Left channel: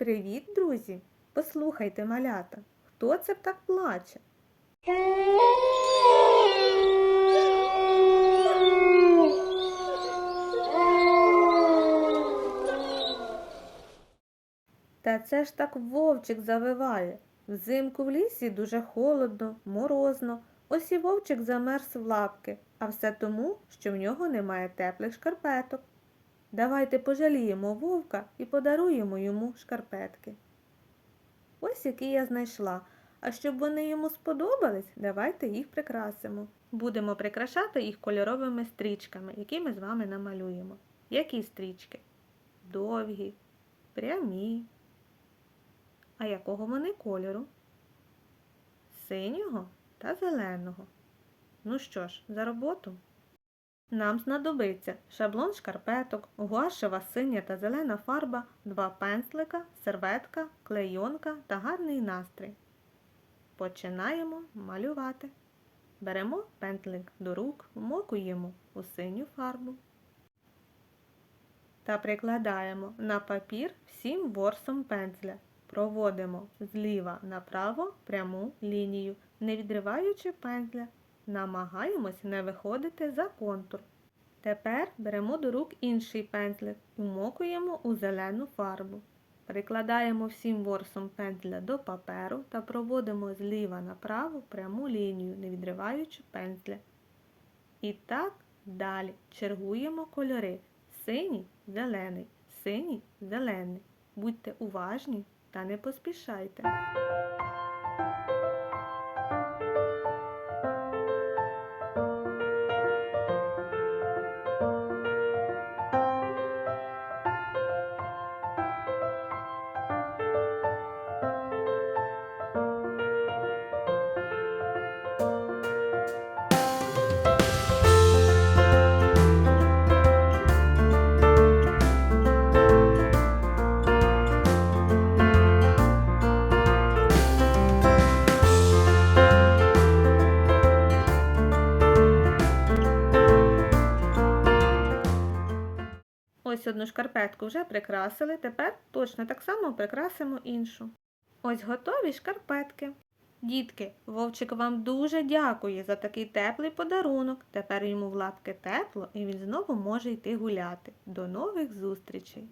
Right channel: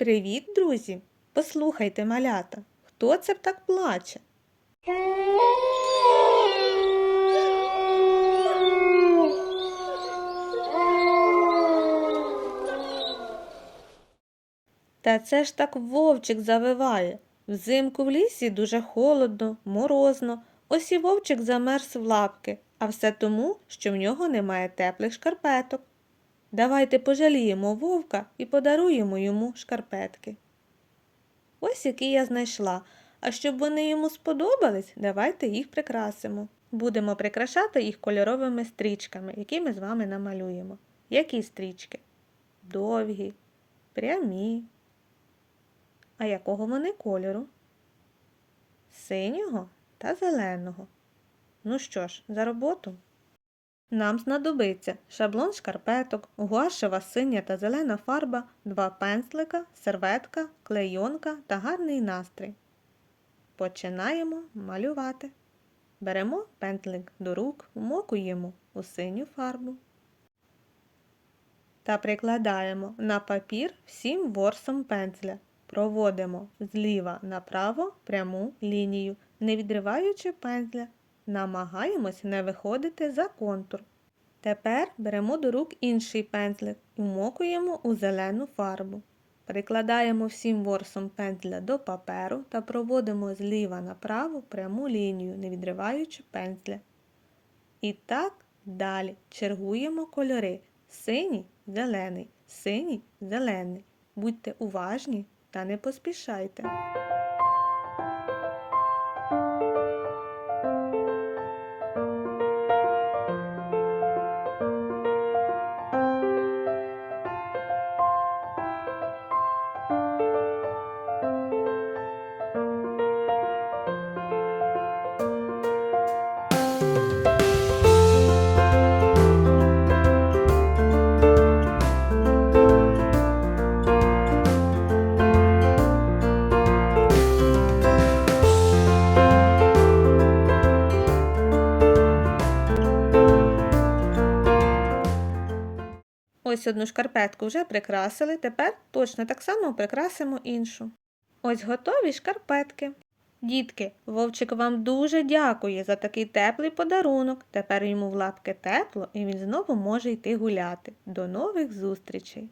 Привіт, друзі! Послухайте малята, хто це так плаче? Та це ж так вовчик завиває. Взимку в лісі дуже холодно, морозно. Ось і вовчик замерз в лапки, а все тому, що в нього немає теплих шкарпеток. Давайте пожаліємо вовка і подаруємо йому шкарпетки. Ось які я знайшла. А щоб вони йому сподобались, давайте їх прикрасимо. Будемо прикрашати їх кольоровими стрічками, які ми з вами намалюємо. Які стрічки? Довгі, прямі. А якого вони кольору? Синього та зеленого. Ну що ж, за роботу? Нам знадобиться шаблон шкарпеток, гуашева синя та зелена фарба, два пенслика, серветка, клейонка та гарний настрій. Починаємо малювати. Беремо пентлик до рук, вмокуємо у синю фарбу та прикладаємо на папір всім ворсом пензля. Проводимо зліва направо пряму лінію, не відриваючи пензля. Намагаємось не виходити за контур. Тепер беремо до рук інший пензлик і вмокуємо у зелену фарбу. Прикладаємо всім ворсом пензля до паперу та проводимо зліва направо пряму лінію, не відриваючи пензля. І так далі чергуємо кольори синій, зелений, синій, зелений. Будьте уважні та не поспішайте. Ось одну шкарпетку вже прикрасили, тепер точно так само прикрасимо іншу. Ось готові шкарпетки. Дітки, вовчик вам дуже дякує за такий теплий подарунок. Тепер йому в лапки тепло і він знову може йти гуляти. До нових зустрічей!